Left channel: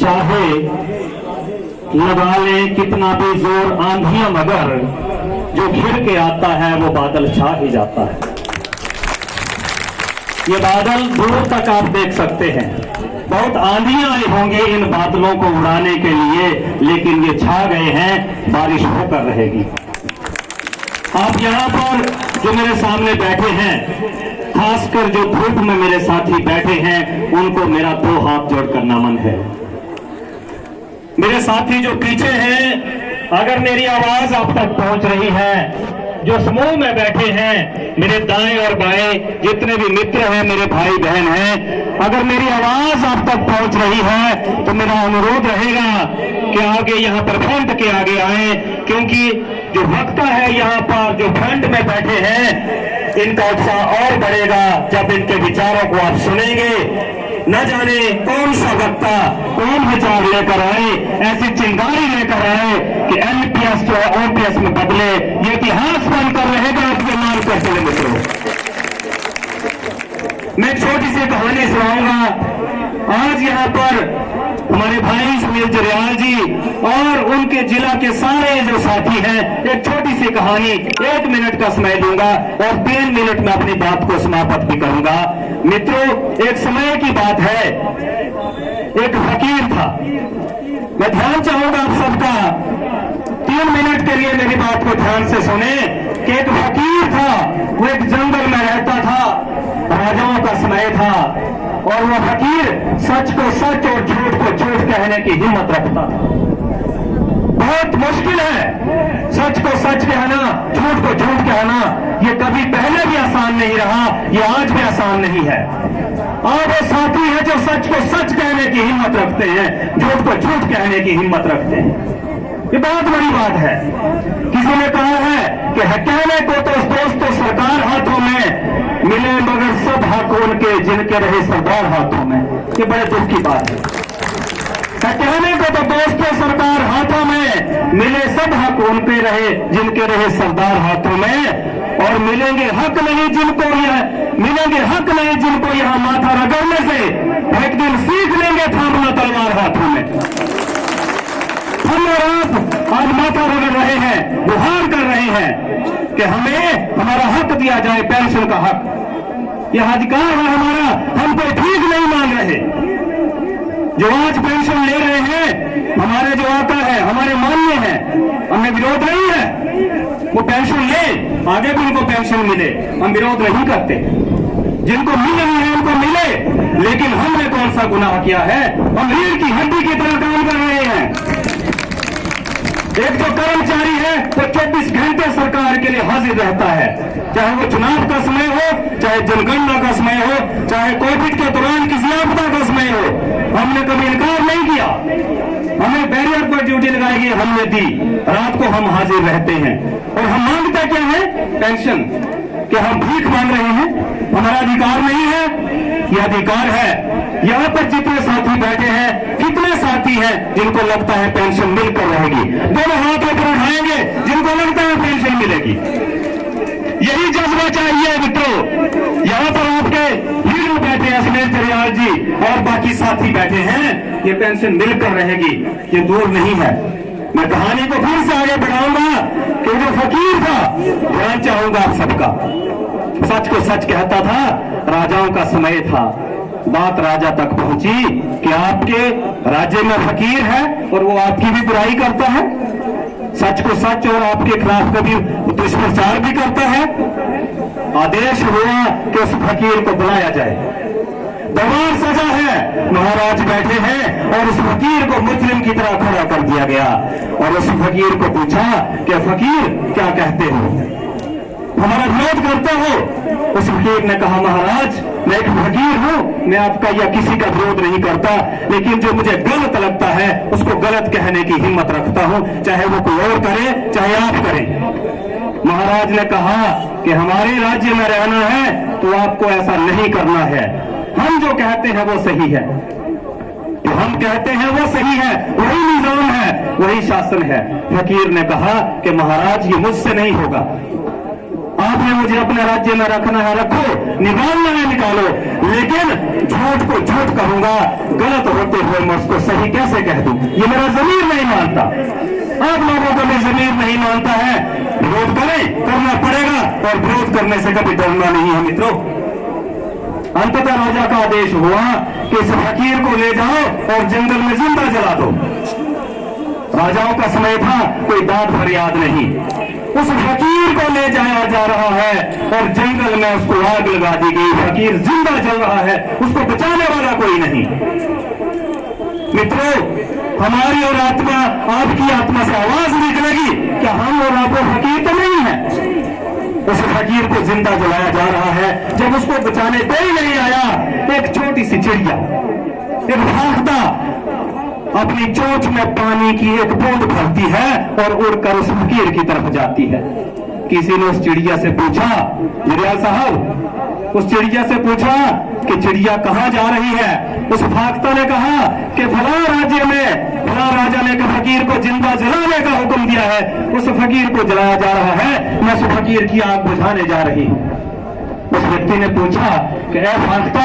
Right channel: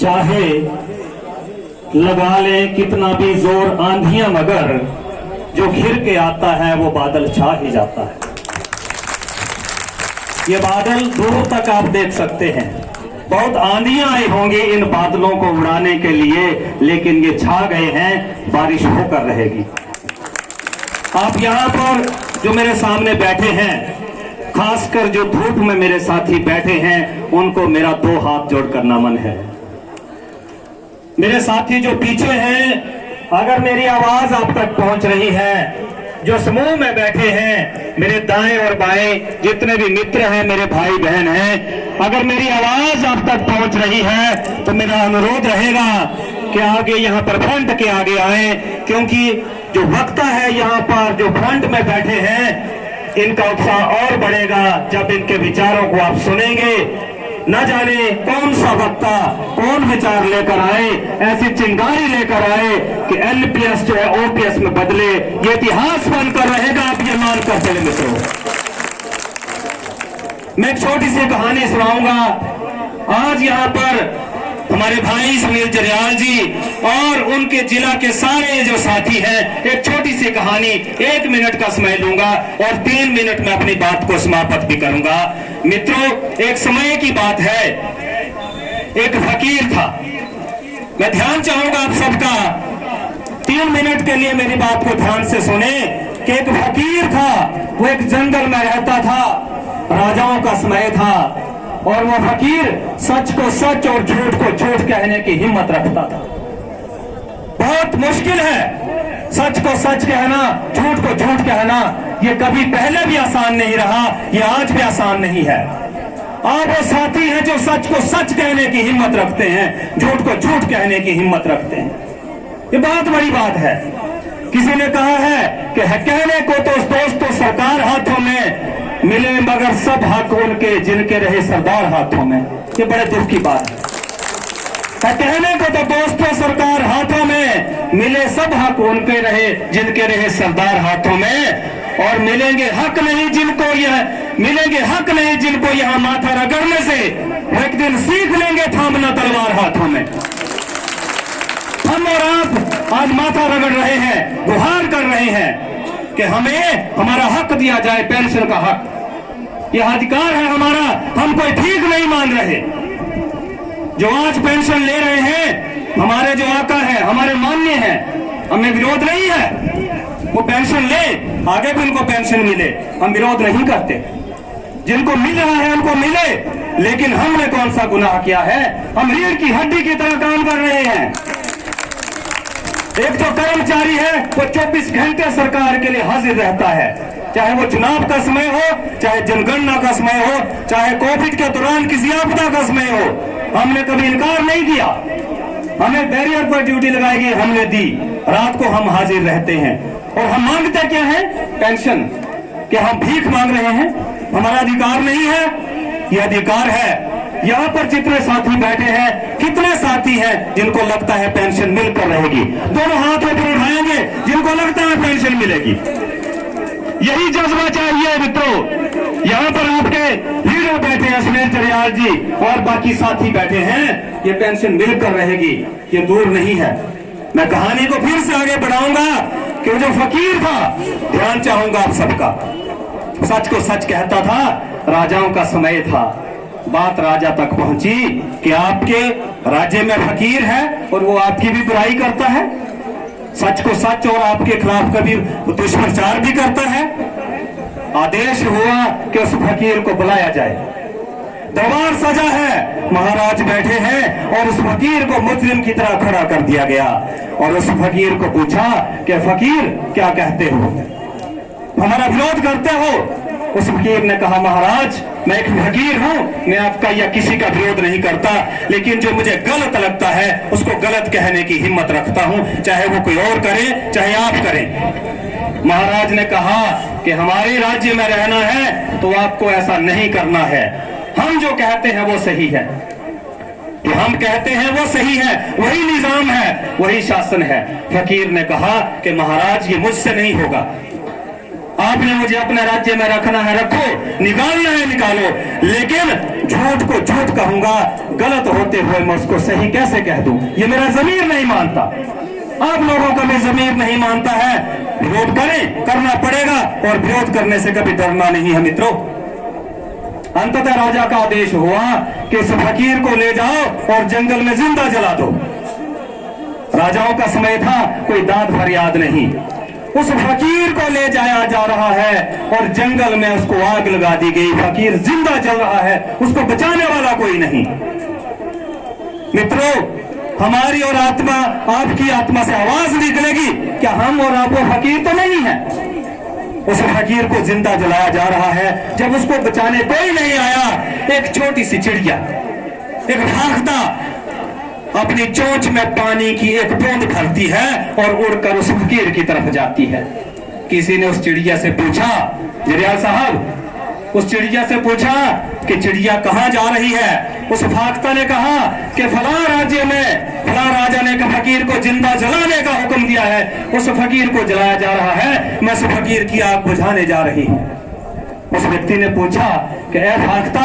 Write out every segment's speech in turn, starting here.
चाहे लगा ले कितना भी जोर आंधियां, मगर जो घिर के आता है वो बादल छा ही जाता है। ये बादल दूर तक आप देख सकते हैं, बहुत आंधियां आई होंगी इन बादलों को उड़ाने के लिए, लेकिन ये छा गए हैं, बारिश होकर रहेगी। आप यहाँ पर जो मेरे सामने बैठे हैं, खासकर जो धूप में मेरे साथी बैठे हैं, उनको मेरा 2 हाथ जोड़कर नमन है। मेरे साथी जो पीछे हैं, अगर मेरी आवाज आप तक पहुंच रही है, जो समूह में बैठे हैं, मेरे दाएं और बाएं जितने भी मित्र हैं, मेरे भाई बहन हैं, अगर मेरी आवाज आप तक पहुंच रही है तो मेरा अनुरोध रहेगा कि आगे यहाँ पर फ्रंट के आगे आए, क्योंकि जो वक्ता है यहाँ पर जो फ्रंट में बैठे हैं, इनका उत्साह और बढ़ेगा जब इनके विचारों को आप सुनेंगे। न जाने कौन सा वक्ता कौन विचार लेकर आए, ऐसी चिंगारी लेकर आए कि एनपीएस जो है ओपीएस में बदले, ये इतिहास बनकर रहेगा। आप ये मान कर चले मित्रों। मैं एक छोटी सी कहानी सुनाऊंगा। आज यहाँ पर हमारे भाई सुनील जरियाल जी और उनके जिला के सारे जो साथी हैं, एक छोटी सी कहानी 1 मिनट का समय लूंगा और 3 मिनट में अपनी बात को समाप्त भी करूंगा। मित्रों, एक समय की बात है, एक फकीर था। मैं ध्यान चाहूंगा आप सबका, 3 मिनट के लिए मेरी बात को ध्यान से सुने कि एक फकीर था, वो एक जंगल में रहता था, राजाओं का समय था, और वो फकीर सच को सच और झूठ को झूठ कहने की हिम्मत रखता था। बहुत मुश्किल है सच को सच कहना, झूठ को झूठ कहना। ये कभी पहले भी आसान नहीं रहा, ये आज भी आसान नहीं है। और वो साथी है जो सच को सच कहने की हिम्मत रखते हैं, झूठ को झूठ कहने की हिम्मत रखते हैं। ये बहुत बड़ी बात है। किसी ने कहा है कि कहने को तो दोस्तों सरकार हाथों में मिले, मगर सब हक उनके जिनके रहे सरदार हाथों में। ये बड़े दुख की बात है। कहने को तो दोस्तों सरकार हाथों में मिले, सब हक उनके रहे जिनके रहे सरदार हाथों में, और मिलेंगे हक नहीं जिनको यहाँ माथा रगड़ने से, वो एक दिन सीख लेंगे थामना तलवार हाथों में। हम और आप आज माथा रगड़ रहे हैं, गुहार कर रहे हैं कि हमें हमारा हक दिया जाए, पेंशन का हक। यह अधिकार है हमारा, हम कोई ठीक नहीं मान रहे। जो आज पेंशन ले रहे हैं, हमारे जो आका है, हमारे मान्य हैं, हमें विरोध नहीं है। वो पेंशन ले, आगे भी उनको पेंशन मिले, हम विरोध नहीं करते। जिनको मिल रहा है उनको मिले, लेकिन हमने कौन सा गुनाह किया है? हम रीढ़ की हड्डी की तरह काम कर रहे हैं। एक जो कर्मचारी है वो 24 घंटे सरकार के लिए हाजिर रहता है, चाहे वो चुनाव का समय हो, चाहे जनगणना का समय हो, चाहे कोविड के दौरान किसी आपदा का समय हो। हमने कभी इनकार नहीं किया। हमें बैरियर पर ड्यूटी लगाई गई, हमने दी। रात को हम हाजिर रहते हैं और हम मांगते क्या है? पेंशन। क्या हम भीख मांग रहे हैं? हमारा अधिकार नहीं है, यह अधिकार है। यहाँ पर जितने साथी बैठे हैं, कितने साथी हैं जिनको लगता है पेंशन मिलकर रहेगी? दोनों हाथों पर उठाएंगे जिनको लगता है पेंशन मिलेगी। यही जज्बा चाहिए मित्रों। यहाँ पर आपके हीरो बैठे हैं, सुनील जरियाल जी और बाकी साथी बैठे हैं, ये पेंशन मिलकर रहेगी, ये दूर नहीं है। मैं कहानी को फिर से आगे बढ़ाऊंगा कि जो फकीर था, ध्यान चाहूंगा आप सबका, सच को सच कहता था, राजाओं का समय था। बात राजा तक पहुंची कि आपके राज्य में फकीर है और वो आपकी भी बुराई करता है, सच को सच और आपके खिलाफ कभी दुष्प्रचार भी करता है। आदेश हुआ कि उस फकीर को बुलाया जाए। दरबार सजा है, महाराज बैठे हैं और उस फकीर को मुजरिम की तरह खड़ा कर दिया गया और उस फकीर को पूछा कि फकीर क्या कहते हो, हमारा विरोध करते हो? उस फकीर ने कहा, महाराज मैं एक फकीर हूं, मैं आपका या किसी का विरोध नहीं करता, लेकिन जो मुझे गलत लगता है उसको गलत कहने की हिम्मत रखता हूं, चाहे वो कोई और करे चाहे आप करें। महाराज ने कहा कि हमारे राज्य में रहना है तो आपको ऐसा नहीं करना है। हम जो कहते हैं वो सही है, तो हम कहते हैं वो सही है, वही निजाम है, वही शासन है। फकीर ने कहा कि महाराज ये मुझसे नहीं होगा, आपने मुझे अपने राज्य में रखना है रखो, निकालना है निकालो, लेकिन झूठ को झूठ झूठ कहूंगा, गलत होते हुए मैं उसको सही कैसे कह दूं? ये मेरा जमीर नहीं मानता। आप लोगों को भी जमीर नहीं मानता है। विरोध करें, करना पड़ेगा, और विरोध करने से कभी डरना नहीं है मित्रों। अंततः राजा का आदेश हुआ कि इस फकीर को ले जाओ और जंगल में जिंदा जला दो। राजाओं का समय था, कोई दाद फरियाद नहीं। उस फकीर को ले जाया जा रहा है और जंगल में उसको आग लगा दी गई। फकीर जिंदा जल रहा है, उसको बचाने वाला कोई नहीं। मित्रों, हमारी और आत्मा, आपकी आत्मा से आवाज निकलेगी, क्या हम और आप फकीर तो नहीं है? उस फकीर को जिंदा जलाया जा रहा है। जब उसको बचाने कोई नहीं आया, एक छोटी सी चिड़िया, एक फाख्ता अपनी चोंच में पानी की एक बूंद भरती है और उड़कर उस फकीर की तरफ जाती है। किसी ने उस चिड़िया से पूछा, जरियाल साहब, उस चिड़िया से पूछा कि चिड़िया कहां जा रही है? उस फाख्ता ने कहा कि फला राज्य में फला राजा ने एक फकीर को जिंदा जलाने का हुक्म दिया है, उस फकीर को जलाया जा रहा है, मैं उस फकीर की आग बुझाने जा रही हूं। उस व्यक्ति ने पूछा कि ए फाख्ता,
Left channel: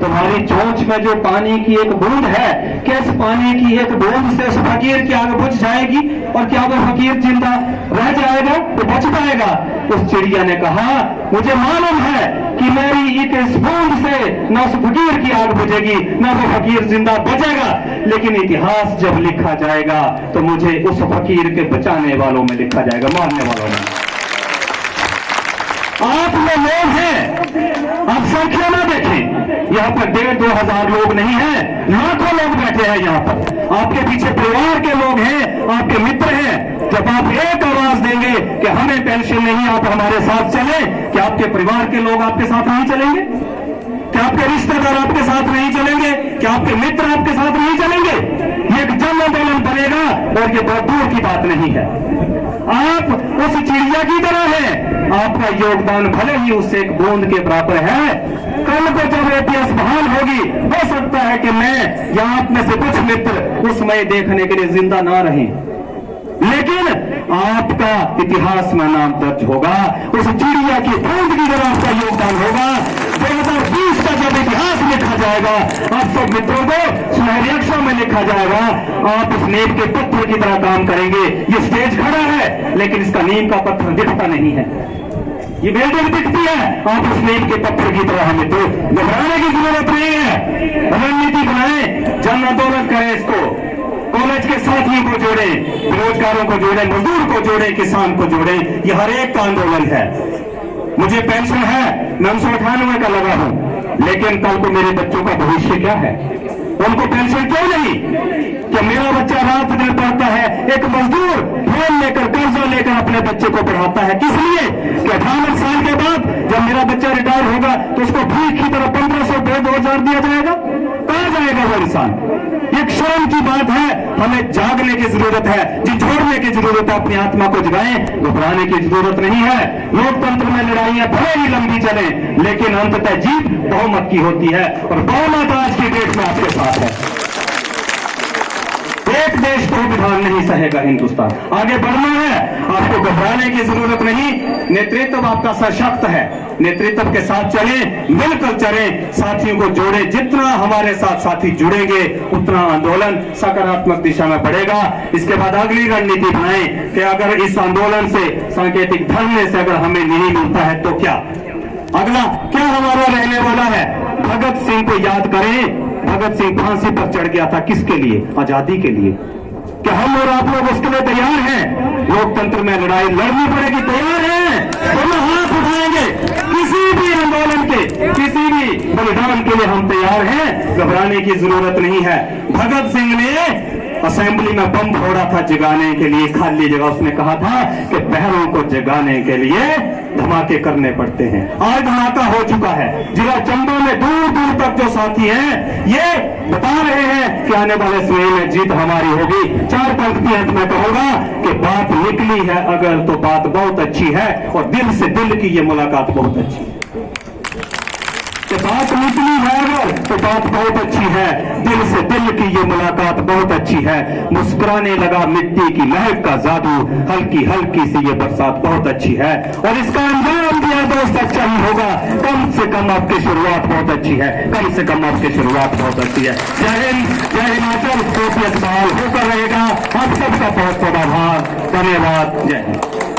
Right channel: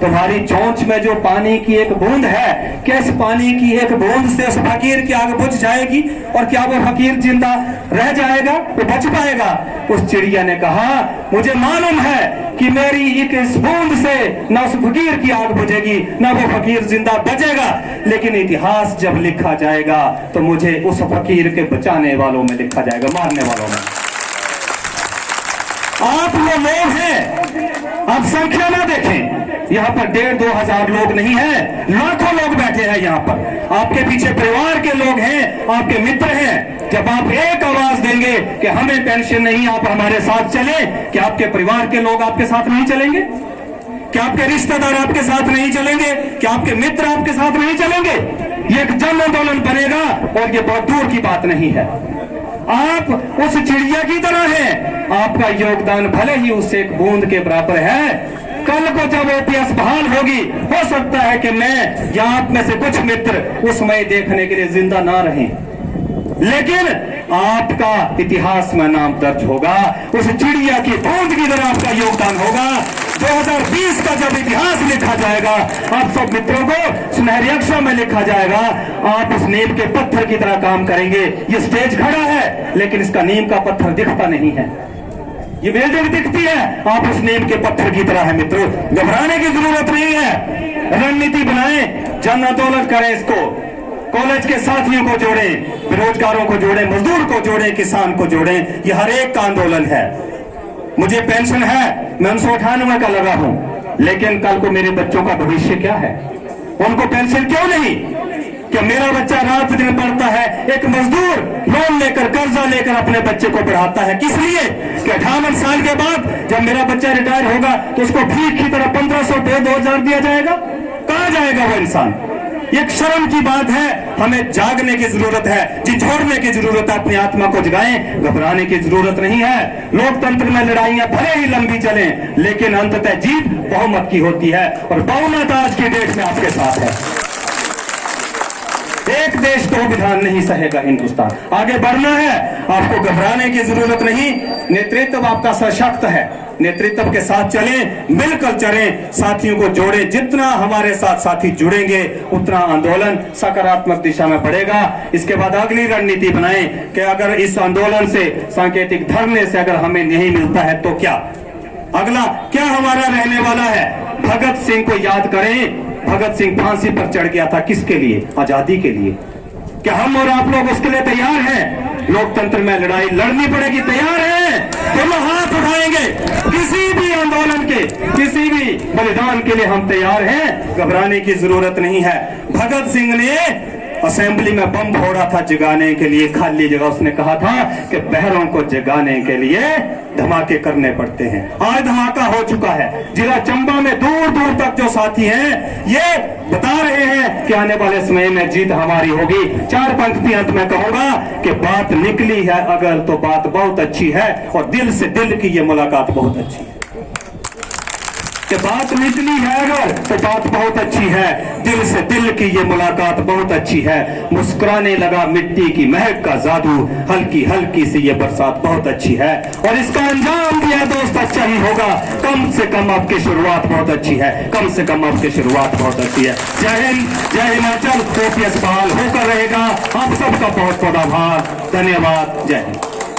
तुम्हारी चोंच में जो पानी की एक बूंद है, क्या इस पानी की एक बूंद से उस फकीर की आग बुझ जाएगी और क्या वो फकीर जिंदा रह जाएगा, वो बच पाएगा? उस चिड़िया ने कहा, मुझे मालूम है कि मेरी एक इस बूंद से न उस फकीर की आग बुझेगी, न वो फकीर जिंदा बचेगा, लेकिन इतिहास जब लिखा जाएगा तो मुझे उस फकीर के बचाने वालों में लिखा जाएगा, मारने वालों में। आप लोग हैं, आप संख्या ना देखें, यहाँ पर 1,500-2 हजार लोग नहीं हैं, लाखों लोग बैठे हैं यहाँ पर। आपके पीछे परिवार के लोग हैं, आपके मित्र हैं। जब आप एक आवाज देंगे कि हमें पेंशन नहीं, आप हमारे साथ चले, कि आपके परिवार के लोग आपके साथ नहीं चलेंगे? क्या आपके रिश्तेदार आपके साथ नहीं चलेंगे? क्या आपके मित्र आपके साथ नहीं चलेंगे? ये एक जन आंदोलन बनेगा और ये बहुत दूर की बात नहीं है। आप उस चिड़िया की तरह हैं, आपका योगदान भले ही उससे एक बूंद के बराबर है। कल को जब इतिहास बहाल होगी, हो सकता है कि मैं या आप में से कुछ मित्र उस समय देखने के लिए जिंदा ना रहें, लेकिन आपका इतिहास में नाम दर्ज होगा। उस चिड़िया की बूंद की तरह आपका योगदान होगा। 2020 का जब इतिहास लिखा जाएगा, आप सब मित्रों को सुनहरे अक्षरों में लिखा जाएगा। आप उस नींव के पत्थर की तरह काम करेंगे। ये स्टेज खड़ा है, लेकिन इसका नींव का पत्थर दिखता नहीं है। ये बिल्डिंग दिखती है, आप उस नींव के पत्थर की तरह है। मित्रों, घबराने की जरूरत नहीं है। रणनीति बनाएं, जन आंदोलन करें, इसको कॉलेज के साथियों को जोड़ें, बेरोजगारों को जोड़ें, मजदूर को जोड़ें, किसान को जोड़ें। ये हर एक का आंदोलन है। मुझे पेंशन है, मैं 1998 का लगा हूं, लेकिन कल को मेरे बच्चों का भविष्य क्या है? उनको पेंशन क्यों नहीं? क्या मेरा बच्चा रात दिन पढ़ता है, एक मजदूर लोन लेकर, कर्जा लेकर अपने बच्चे को पढ़ाता है, किस लिए? कि 58 साल के बाद जब मेरा बच्चा रिटायर होगा तो उसको भीख की तरह 1500 2,000 दिया जाएगा? कहां जाएगा वो इंसान? एक शर्म की बात है। हमें जागने की जरूरत है, झिझोड़ने की जरूरत है, अपनी आत्मा को जगाएं, घबराने की जरूरत नहीं है। लोकतंत्र में लड़ाइयां भले ही लंबी चलें, लेकिन अंततः जीत बहुमत की होती है, और बहुमत आज की डेट में आपके साथ है। एक देश दो विधान नहीं सहेगा हिंदुस्तान। आगे बढ़ना है, आपको घबराने की जरूरत नहीं। नेतृत्व आपका सशक्त है, नेतृत्व के साथ चलें, मिलकर चलें, साथियों को जोड़ें। जितना हमारे साथ साथी जुड़ेंगे, उतना आंदोलन सकारात्मक दिशा में बढ़ेगा। इसके बाद अगली रणनीति बनाएं कि अगर इस आंदोलन से, सांकेतिक धरने से अगर हमें नहीं मिलता है तो क्या? अगला क्या हमारा रहने वाला है? भगत सिंह को याद करें। भगत सिंह फांसी पर चढ़ गया था, किसके लिए? आजादी के लिए। क्या हम और आप लोग उसके लिए तैयार हैं? लोकतंत्र में लड़ाई लड़नी पड़ेगी, तैयार हैं? तो हम हाथ उठाएंगे। किसी भी आंदोलन के, किसी भी बलिदान के लिए हम तैयार हैं, घबराने की जरूरत नहीं है। भगत सिंह ने असेंबली में बम फोड़ा था जगाने के लिए, खाली जगह। उसने कहा था कि बहरों को जगाने के लिए धमाके करने पड़ते हैं। आज धमाका हो चुका है। जिला चंबा में दूर दूर तक जो साथी हैं, ये बता रहे हैं कि आने वाले समय में जीत हमारी होगी। 4 पंक्ति अंत में कहूंगा कि बात निकली है अगर, तो बात बहुत अच्छी है, और दिल से दिल की ये मुलाकात बहुत अच्छी है। कि बात निकली है अगर तो बात बहुत अच्छी है, दिल से दिल की ये मुलाकात बहुत अच्छी है। मुस्कुराने लगा मिट्टी की महक का जादू, हल्की हल्की सी ये बरसात बहुत अच्छी है। और इसका अंजाम दिया दोस्त अच्छा ही होगा, कम से कम आपकी शुरुआत बहुत अच्छी है, कम से कम आपकी शुरुआत बहुत अच्छी है। जय हिंद, जय हिमाचल। ओपीएस बहाल होकर रहेगा। आप सबका बहुत बहुत आभार, धन्यवाद। जय हिंद।